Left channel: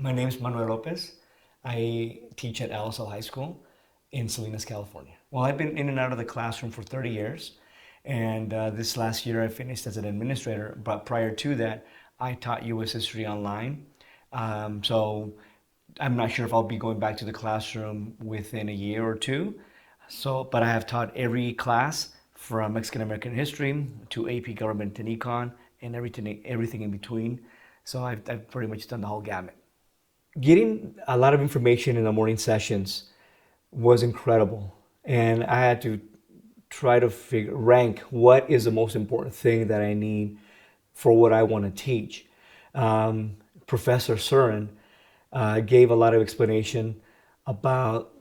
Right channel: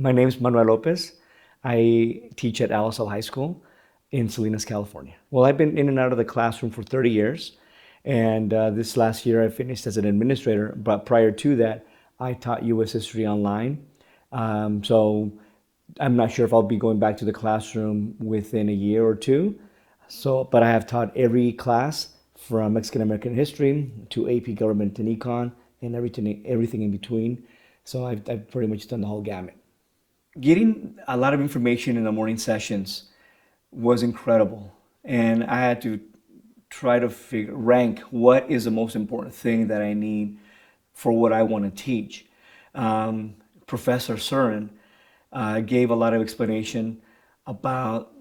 My name is Manuel Lopez. I teach at Alisal High School in Salinas, California. Well, I've been in and out of the classroom for 30 years, and this last year I finished as an administrator, but prior to that, I taught U.S. history online. So I'm not sure if I'll be going back to the classroom within a year or two. But I have taught every class from Mexican American history to AP government and econ and everything in between. So I've pretty much done the whole gamut. Getting a lot of information in the morning sessions was incredible. And I had to try to rank what is the most important thing that I need for what I want to teach. Professor Surin gave a lot of explanation about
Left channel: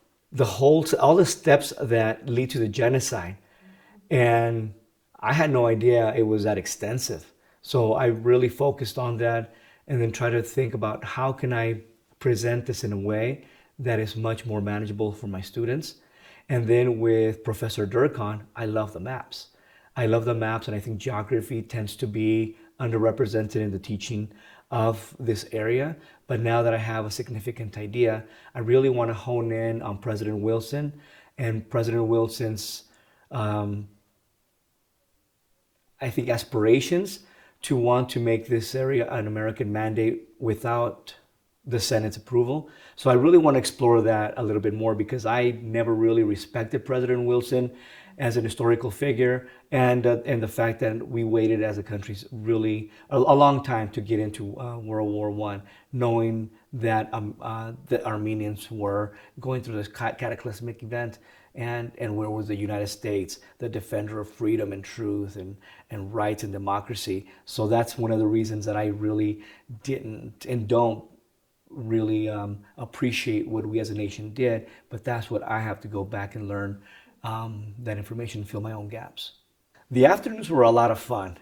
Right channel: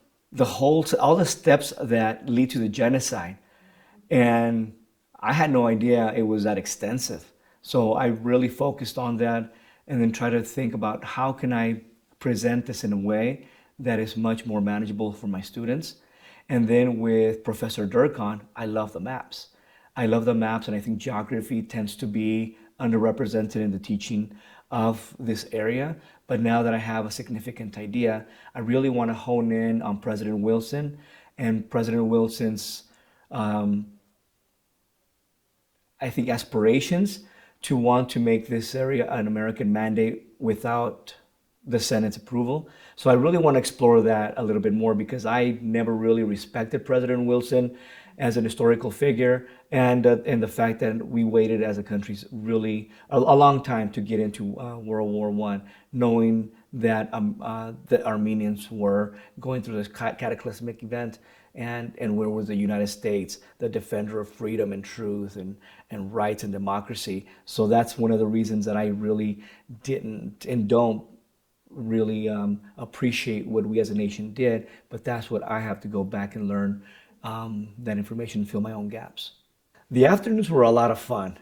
all the steps that lead to the genocide. And I had no idea it was that extensive. So I really focused on that and then tried to think about how can I present this in a way that is much more manageable for my students. And then with Professor Durkan, I love the maps. I love the maps, and I think geography tends to be underrepresented in the teaching of this area. But now that I have a significant idea, I really want to hone in on President Wilson and President Wilson's, I think, aspirations to want to make this area an American mandate without the Senate's approval. So I really want to explore that a little bit more because I never really respected President Wilson as an historical figure, and the fact that we waited as a country really a long time to get into World War I, knowing that the Armenians were going through this cataclysmic event, and where was the United States, the defender of freedom and truth and rights and democracy. So that's one of the reasons that I really didn't and don't really appreciate what we as a nation did, but that's what I have to go back and learn that information and fill my own gaps. The afternoons were a lot of fun.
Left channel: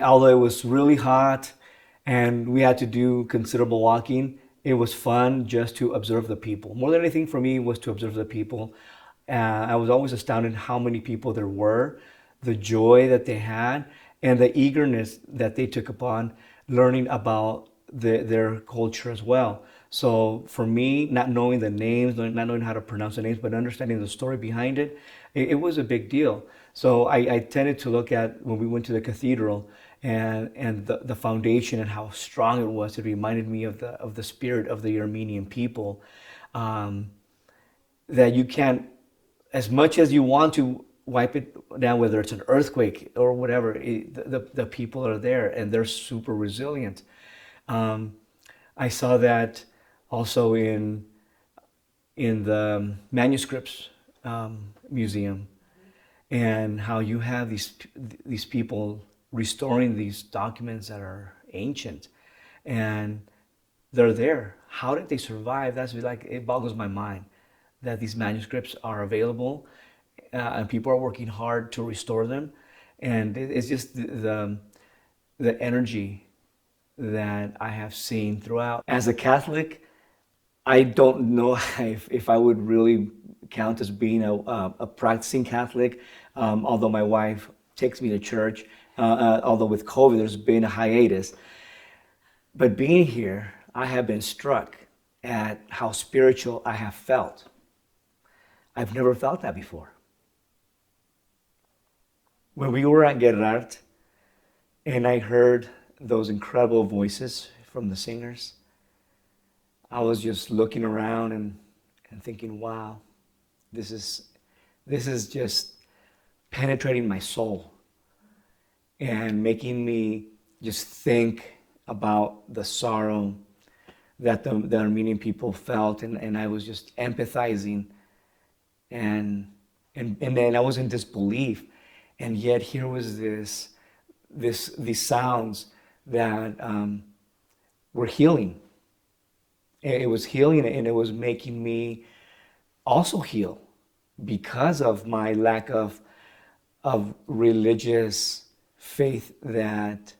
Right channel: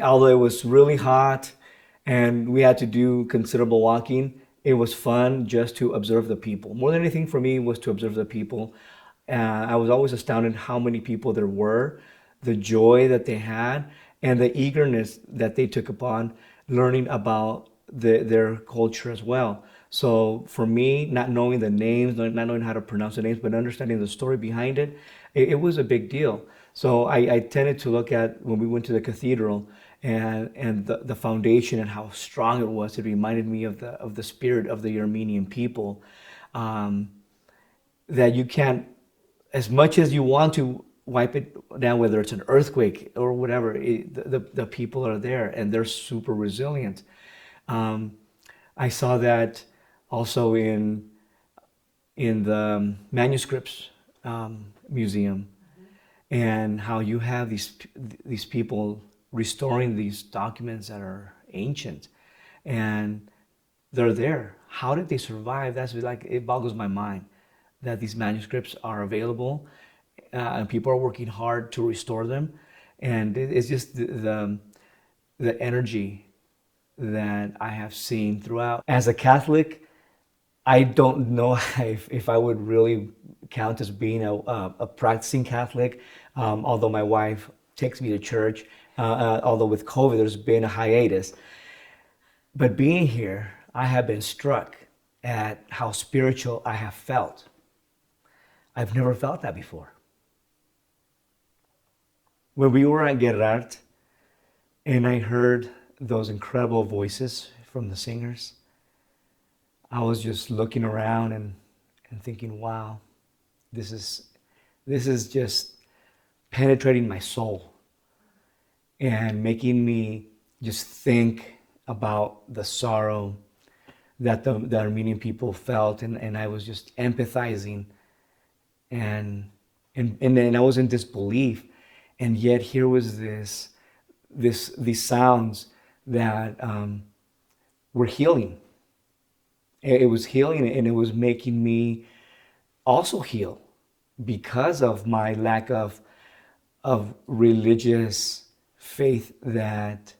Although it was really hot and we had to do considerable walking, it was fun just to observe the people. More than anything for me was to observe the people. I was always astounded how many people there were, the joy that they had, and the eagerness that they took upon learning about their culture as well. So for me, not knowing the names, not knowing how to pronounce the names, but understanding the story behind it, it was a big deal. So I tended to look at when we went to the cathedral and the foundation and how strong it was. It reminded me of the spirit of the Armenian people, that you can't, as much as you want to wipe it down, whether it's an earthquake or whatever, the people are there and they're super resilient. I saw that also in the manuscripts museum, and how you have these people restoring these documents that are ancient, and they're there. How did they survive? That's like, it boggles my mind that these manuscripts are available, and people are working hard to restore them, and it's just the energy that I have seen throughout. As a Catholic, I don't know if I would really count as being a practicing Catholic, although my wife takes me to church, although with COVID there's been a hiatus. But being here, I have been struck at how spiritual I have felt. I've never felt that before. When we were at Gerard, and I heard those incredible voices from the singers, I was just looking around and thinking, wow, this is just penetrating my soul and making me just think about the sorrow that the Armenian people felt, and I was just empathizing, and then I was in disbelief, and yet here was these sounds that were healing. It was healing, and it was making me also heal because of my lack of religious faith that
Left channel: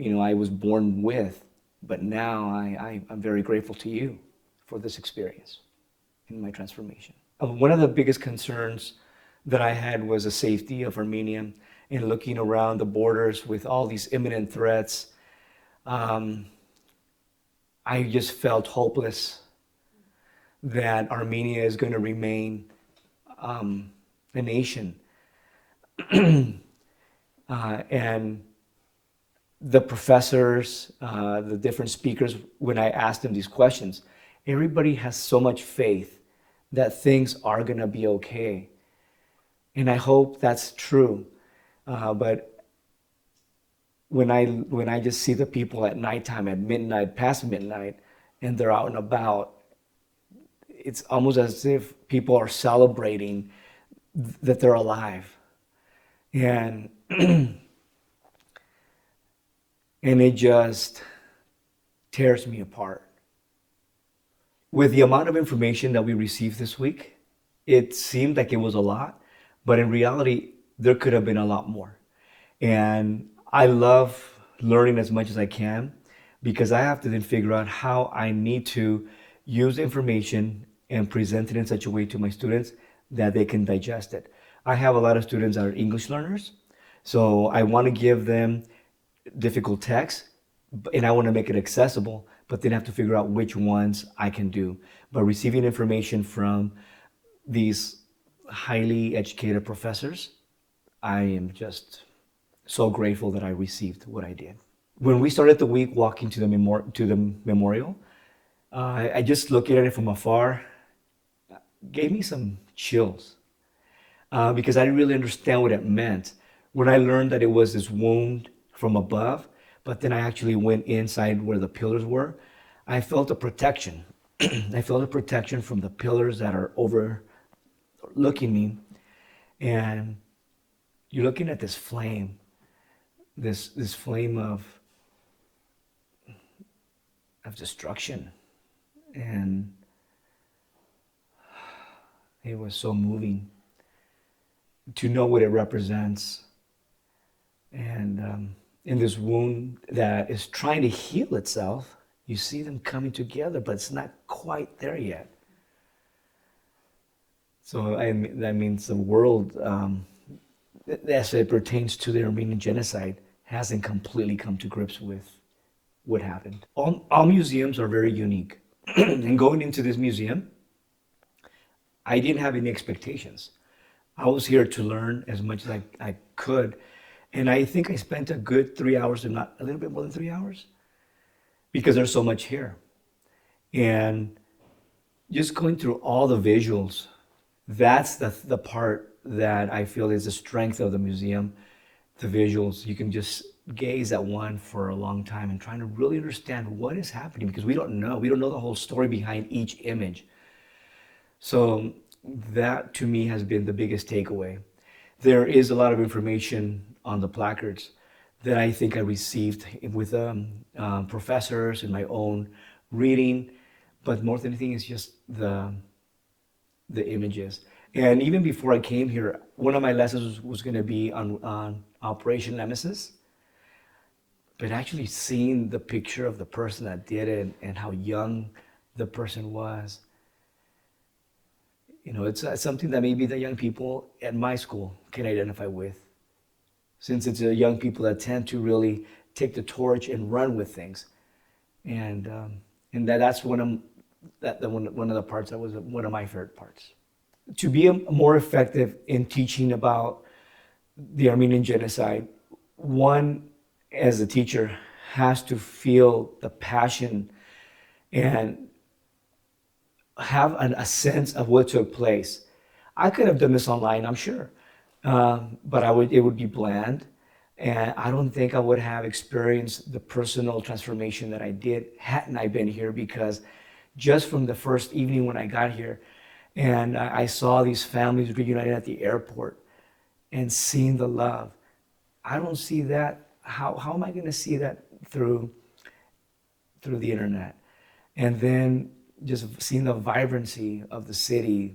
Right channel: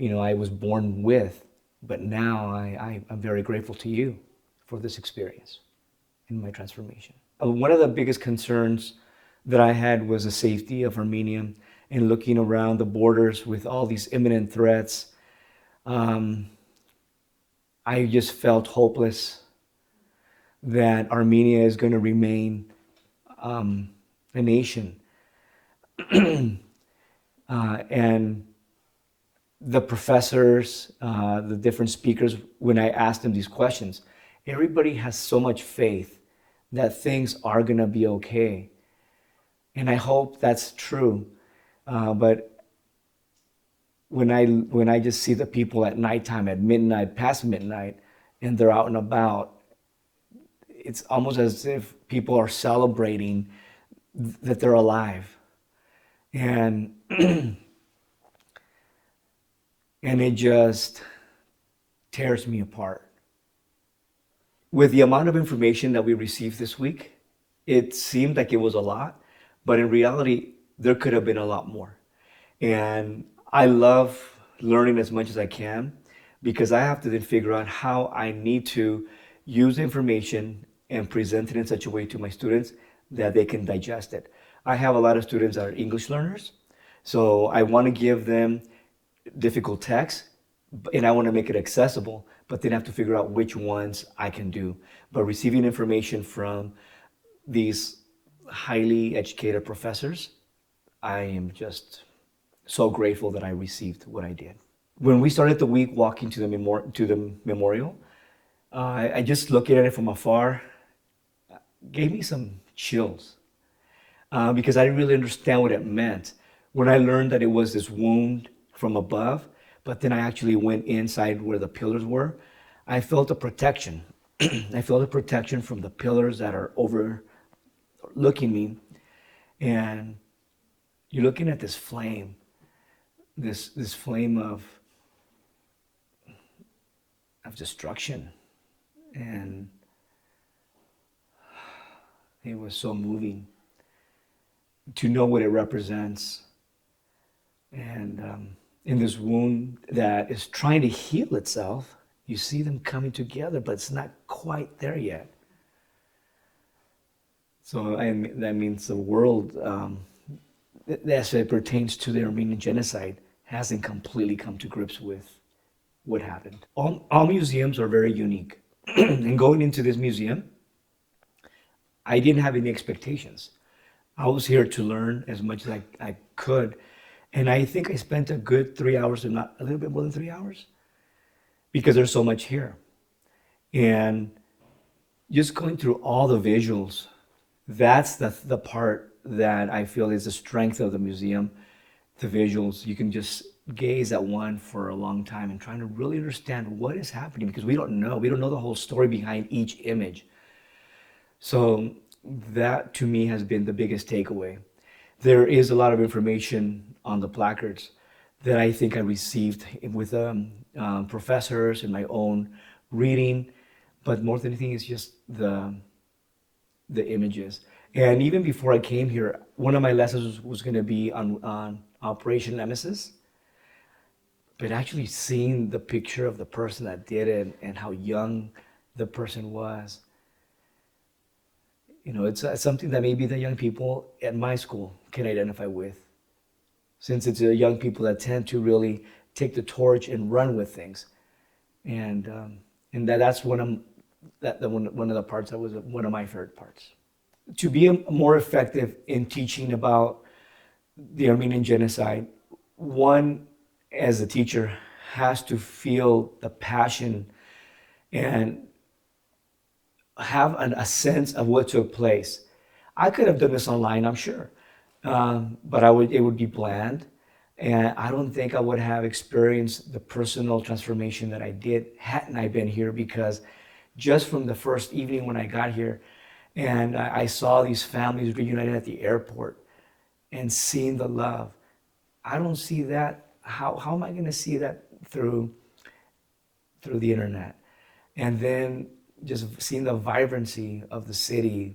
I was born with. But now I'm very grateful to you for this experience in my transformation. One of the biggest concerns that I had was the safety of Armenia, and looking around the borders with all these imminent threats. I just felt hopeless that Armenia is going to remain a nation. And the professors, the different speakers, when I asked them these questions, everybody has so much faith that things are going to be okay. And I hope that's true. But when I just see the people at nighttime, at midnight, past midnight, and they're out and about, it's almost as if people are celebrating that they're alive. And and it just tears me apart. With the amount of information that we received this week, it seemed like it was a lot, but in reality, there could have been a lot more. And I love learning as much as I can, because I have to then figure out how I need to use information and present it in such a way to my students that they can digest it. I have a lot of students that are English learners, so I want to give them difficult text, and I want to make it accessible, but then I have to figure out which ones I can do. But receiving information from these highly educated professors, I am just so grateful that I received what I did. When we started the week walking to the memorial, I just looking at it from afar gave me some chills, because I didn't really understand what it meant. When I learned that it was this wound from above, but then I actually went inside where the pillars were, I felt a protection. I felt a protection from the pillars that are overlooking me. And you're looking at this flame, this flame of destruction. And it was so moving to know what it represents. And in this wound that is trying to heal itself, you see them coming together, but it's not quite there yet. So that means the world, as it pertains to the Armenian Genocide, hasn't completely come to grips with what happened. All museums are very unique. And going into this museum, I didn't have any expectations. I was here to learn as much as I could. And I think I spent a good 3 hours, if not a little bit more than 3 hours, because there's so much here. And just going through all the visuals, that's the part that I feel is the strength of the museum, the visuals. You can just gaze at one for a long time and trying to really understand what is happening, because we don't know. We don't know the whole story behind each image. So that, to me, has been the biggest takeaway. There is a lot of information on the placards that I think I received with professors in my own reading, but more than anything, it's just the images. And even before I came here, one of my lessons was going to be on Operation Nemesis, but actually seeing the picture of the person that did it and how young the person was, it's something that maybe the young people at my school can identify with, since it's the young people that tend to really take the torch and run with things. And that's one of the parts that was one of my favorite parts. To be more effective in teaching about the Armenian Genocide, one, as a teacher, has to feel the passion and have a sense of what took place. I could have done this online, I'm sure, but it would be bland, and I don't think I would have experienced the personal transformation that I did hadn't I been here, because just from the first evening when I got here, and I saw these families reunited at the airport and seeing the love, I don't see that. How am I going to see that through the internet? And then just seeing the vibrancy of the city,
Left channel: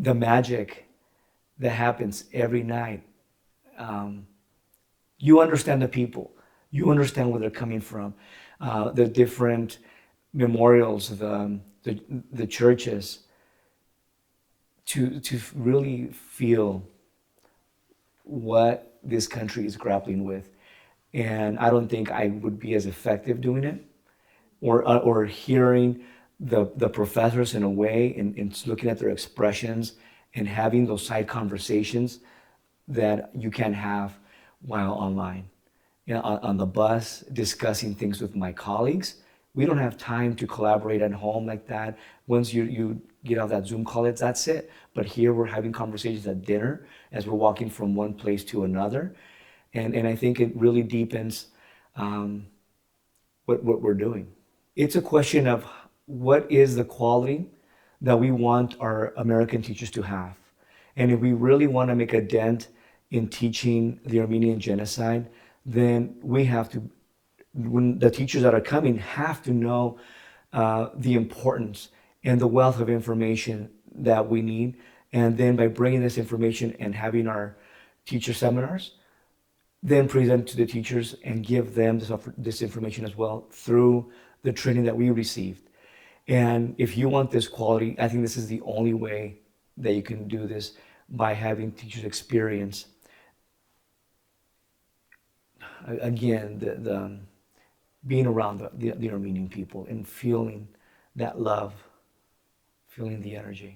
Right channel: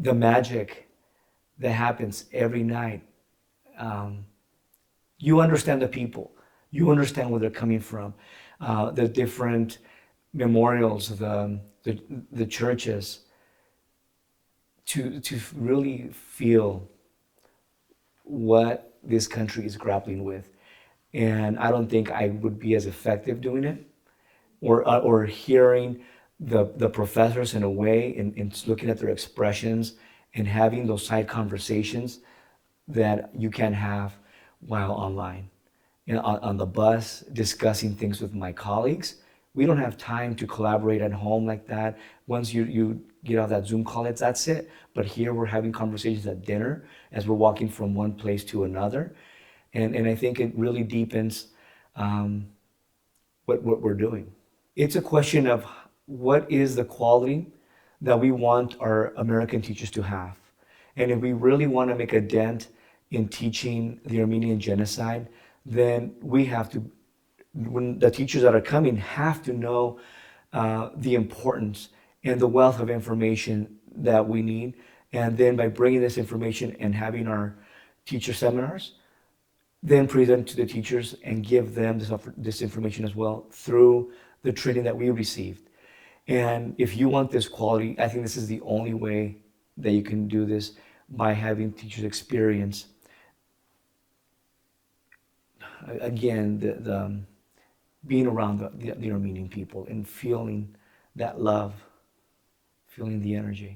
the magic that happens every night. You understand the people. You understand where they're coming from. The different memorials, the churches, to really feel what this country is grappling with. And I don't think I would be as effective doing it or hearing the professors in a way and looking at their expressions and having those side conversations that you can have while online. On the bus, discussing things with my colleagues. We don't have time to collaborate at home like that. Once you get off that Zoom call, that's it. But here we're having conversations at dinner as we're walking from one place to another. And I think it really deepens what we're doing. It's a question of what is the quality that we want our American teachers to have. And if we really want to make a dent in teaching the Armenian Genocide, then we have to, when the teachers that are coming have to know the importance and the wealth of information that we need. And then by bringing this information and having our teacher seminars, then present to the teachers and give them this information as well through the training that we received. And if you want this quality, I think this is the only way that you can do this, by having teachers experience, again, the being around the Armenian people and feeling that love, feeling the energy.